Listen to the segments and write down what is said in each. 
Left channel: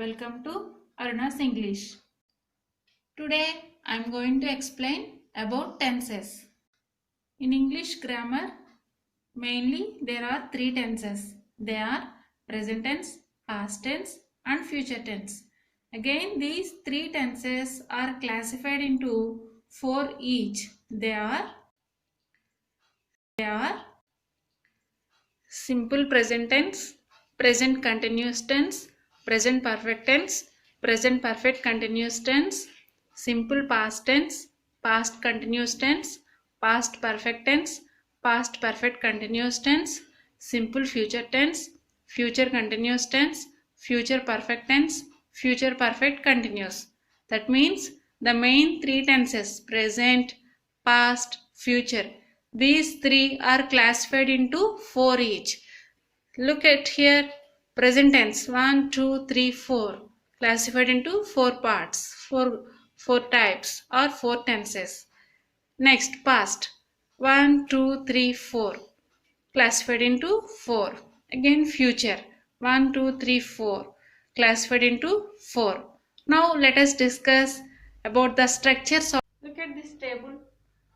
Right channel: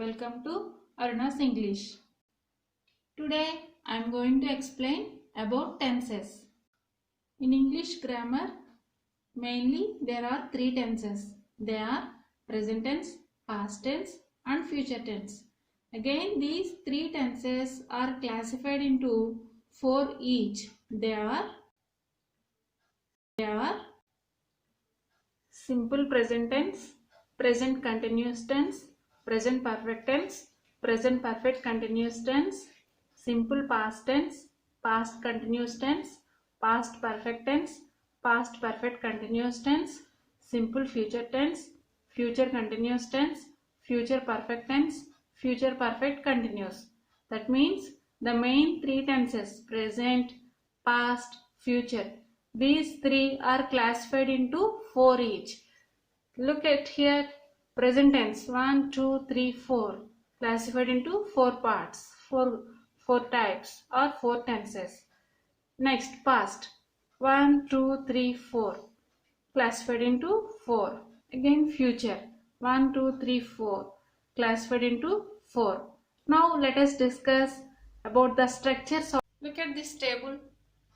Welcome to Aruna's English. Today I am going to explain about tenses. In English grammar, mainly there are three tenses. They are present tense, past tense and future tense. Again, these three tenses are classified into four each. They are simple present tense, present continuous tense, present perfect tense, present perfect continuous tense, simple past tense, past continuous tense, past perfect tense, past perfect continuous tense, simple future tense, future continuous tense, future perfect tense, future perfect continuous. That means the main three tenses present, past, future. These three are classified into four each. Look at here, present tense 1, 2, 3, 4 classified into four parts, four types or four tenses. Next, past 1, 2, 3, 4 classified into four. Again, future 1, 2, 3, 4 classified into four. Now let us discuss about the structures of. Look at this table,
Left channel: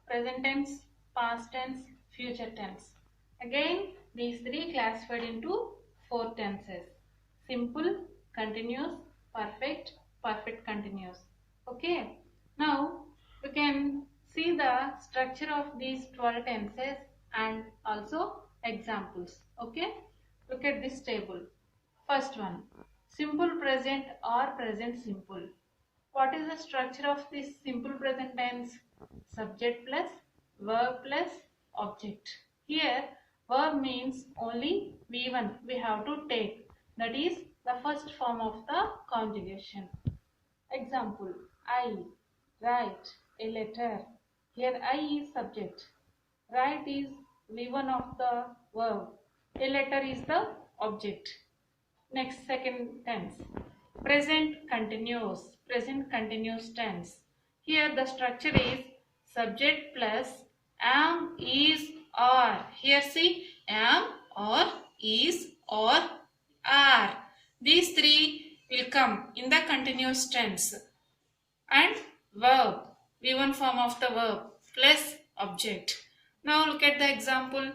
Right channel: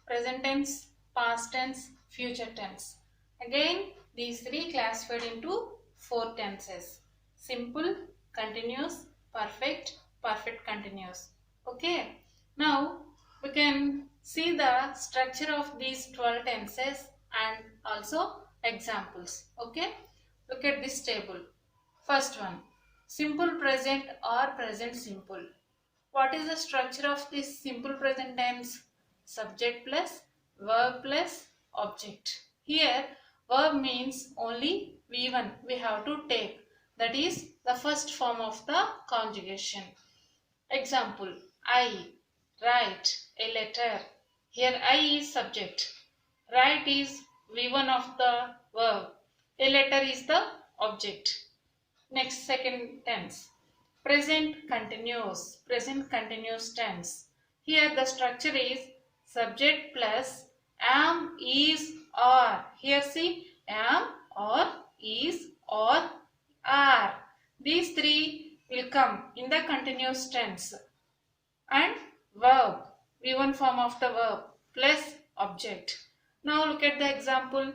present tense, past tense, future tense. Again, these three classified into four tenses: simple, continuous, perfect, perfect continuous. Okay. Now we can see the structure of these 12 tenses and also examples. Okay. Look at this table. First one, simple present or present simple. What is the structure of this simple present tense? Subject plus verb plus object. Here verb means only V1 we have to take. That is the first form of the conjugation. Example, I write a letter. Here I is subject. Write is V1 of the verb. A letter is the object. Next, second tense. Present continuous tense. Here the structure is subject plus am, is, are. Here see am, or, is, or, are. These three will come in the continuous tense. And verb, V1 form of the verb plus object. Now look at the example.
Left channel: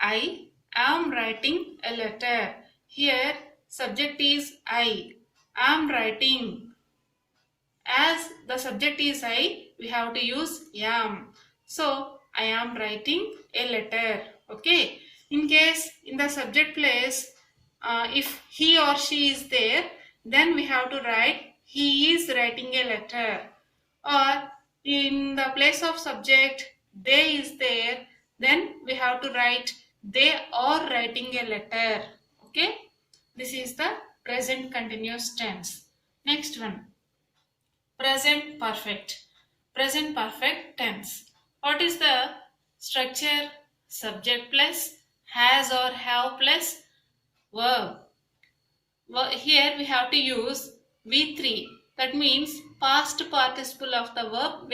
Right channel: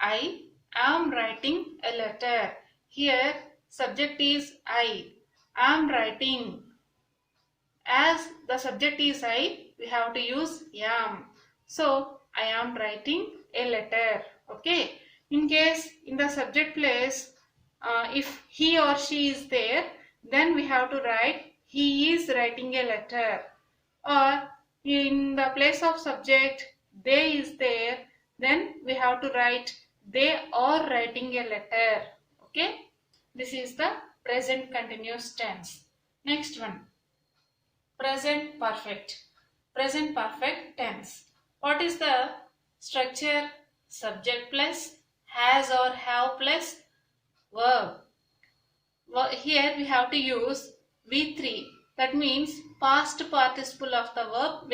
I am writing a letter. Here subject is I am writing. As the subject is I, we have to use am. So I am writing a letter. Okay. In case in the subject place, if he or she is there, then we have to write he is writing a letter. Or in the place of subject they is there, then we have to write they are writing a letter. Okay. This is the present continuous tense. Next one, present perfect. Present perfect tense. What is the structure? Subject plus has or have plus verb. Here we have to use V3. That means past participle of the verb.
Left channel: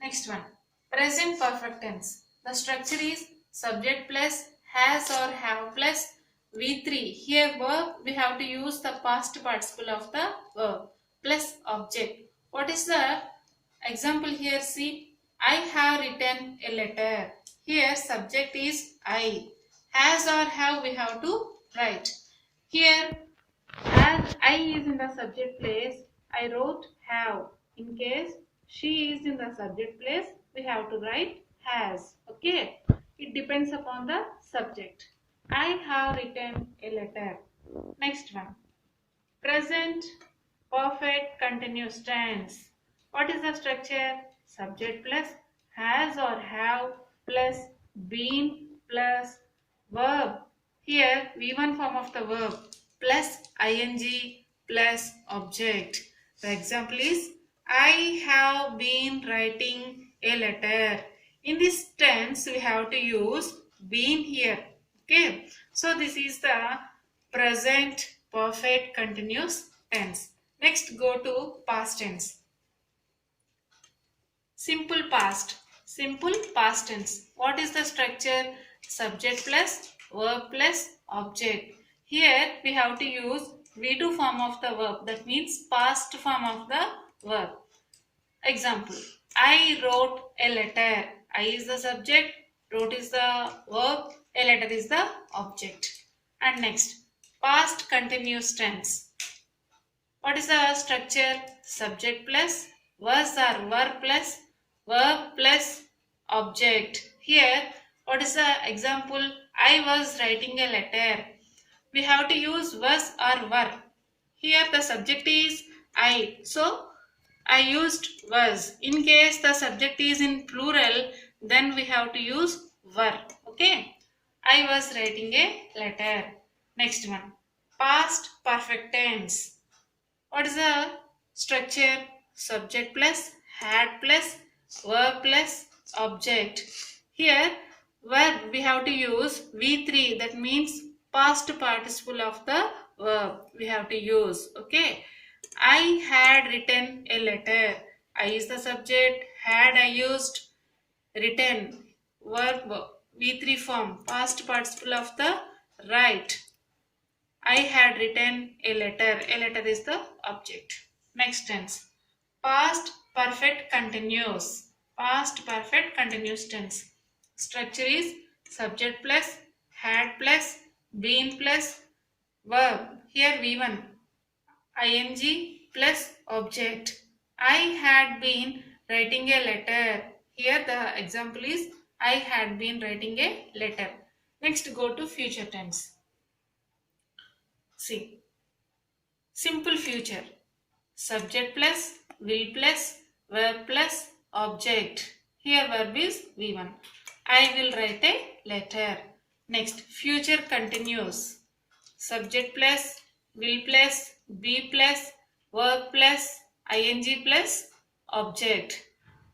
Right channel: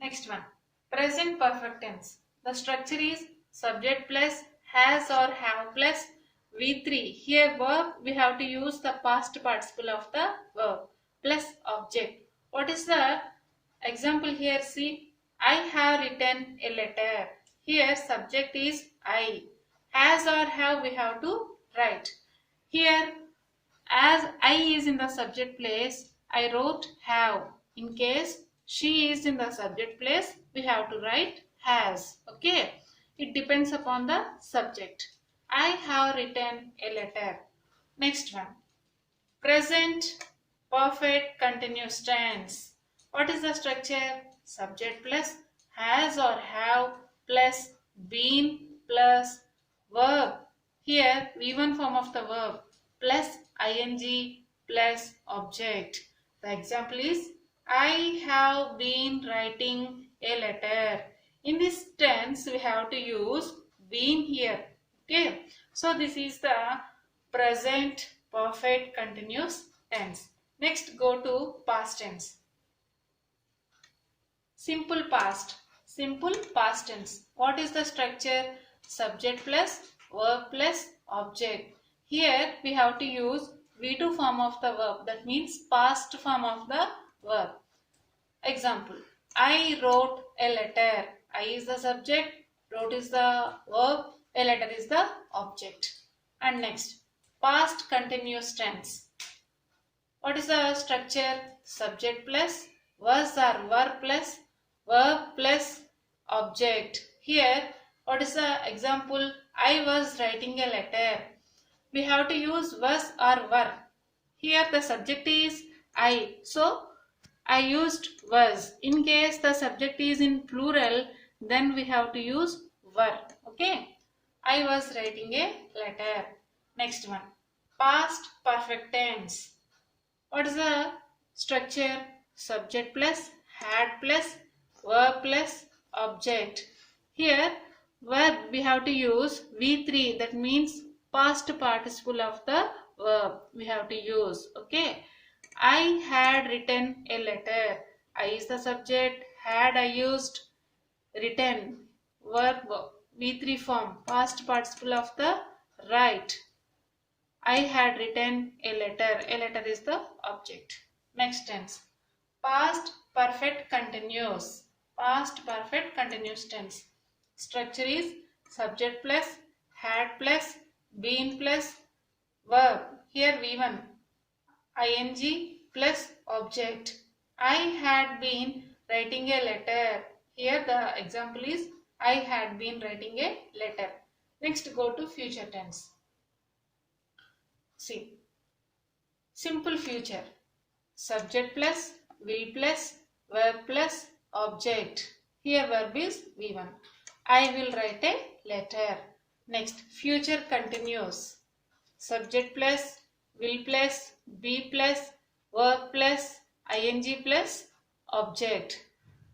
Next one, present perfect tense. The structure is subject plus has or have plus V3. Here verb we have to use the past participle of the verb plus object. What is the example here? See, I have written a letter. Here subject is I. Has or have we have to write. Here as I is in the subject place, I wrote have. In case she is in the subject place, we have to write has. Okay. It depends upon the subject. I have written a letter. Next one. Present perfect continuous tense. What is the structure? Subject plus has or have plus been plus verb. Here V1 form of the verb plus ing plus object. The example is I have been writing a letter. In this tense we have to use been here. Okay. So this is the present perfect continuous tense. Next, go to past tense. Simple past. Simple past tense. What is the structure? Subject plus verb plus object. Here we have to use V2 form of the verb, that means past form of the verb. Example, I wrote a letter. I is the subject, wrote is the verb, a letter is the object. And next, past continuous tense. What is the structure? Subject plus was or were plus verb plus object. Here, what is the example? I was writing a letter. We have to use was or were. Here the subject is I, so I used was. In case the subject is in plural, then we have to use were. Okay, I was writing a letter. Next one, past perfect tense. What is the structure? Subject plus had plus verb plus object. Here, verb we have to use V3, that means past participle of the verb we have to use. Okay, I had written a letter. I is the subject, had I used, written verb V3 form, past participle of the right. I had written a letter. A letter is the object. Next tense. Past perfect continuous. Past perfect continuous tense. Structure is subject plus had plus been plus verb. Here V1. ing plus object. I had been writing a letter. Here the example is I had been writing a letter. Next go to future tense. See. Simple future. Subject plus will plus verb plus object. Here verb is V1. I will write a letter. Next, future continuous. Subject plus will plus be plus verb plus ing plus object.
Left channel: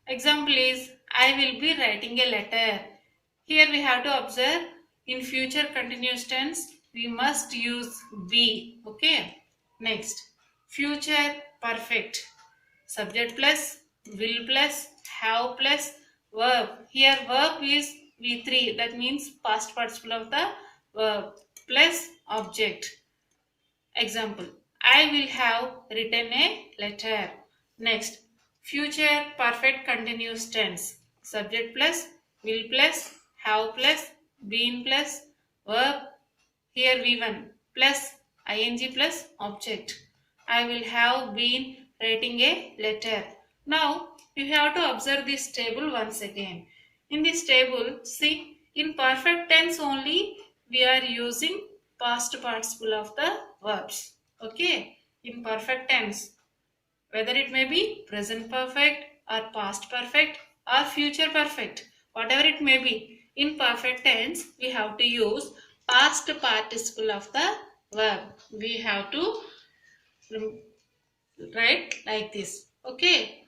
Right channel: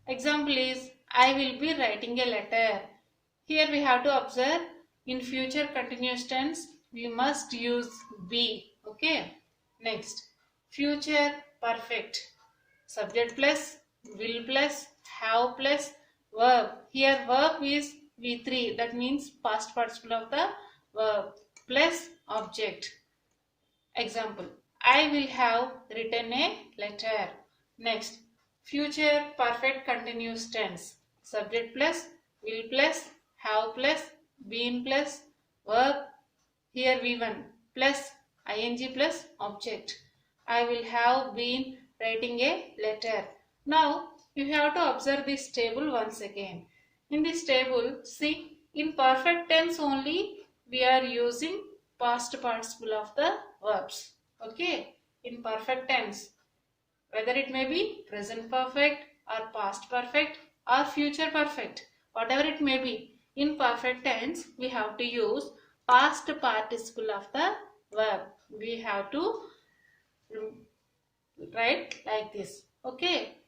Example is I will be writing a letter. Here we have to observe in future continuous tense we must use be. Okay. Next, future perfect. Subject plus will plus have plus verb. Here verb is V3, that means past participle of the verb plus object. Example, I will have written a letter. Next, future perfect continuous tense. Subject plus will plus have plus been plus verb. Here V1 plus ing plus object. I will have been writing a letter. Now you have to observe this table once again. In this table, see, in perfect tense only we are using past participle of the verbs. Okay, in perfect tense, whether it may be present perfect or past perfect or future perfect, whatever it may be, in perfect tense we have to use past participle of the verb. We have to write like this. Okay.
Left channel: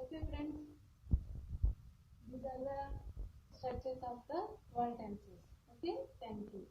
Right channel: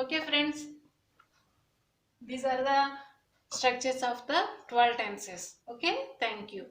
Okay friends, these are the structures of the 12 tenses. Okay, thank you.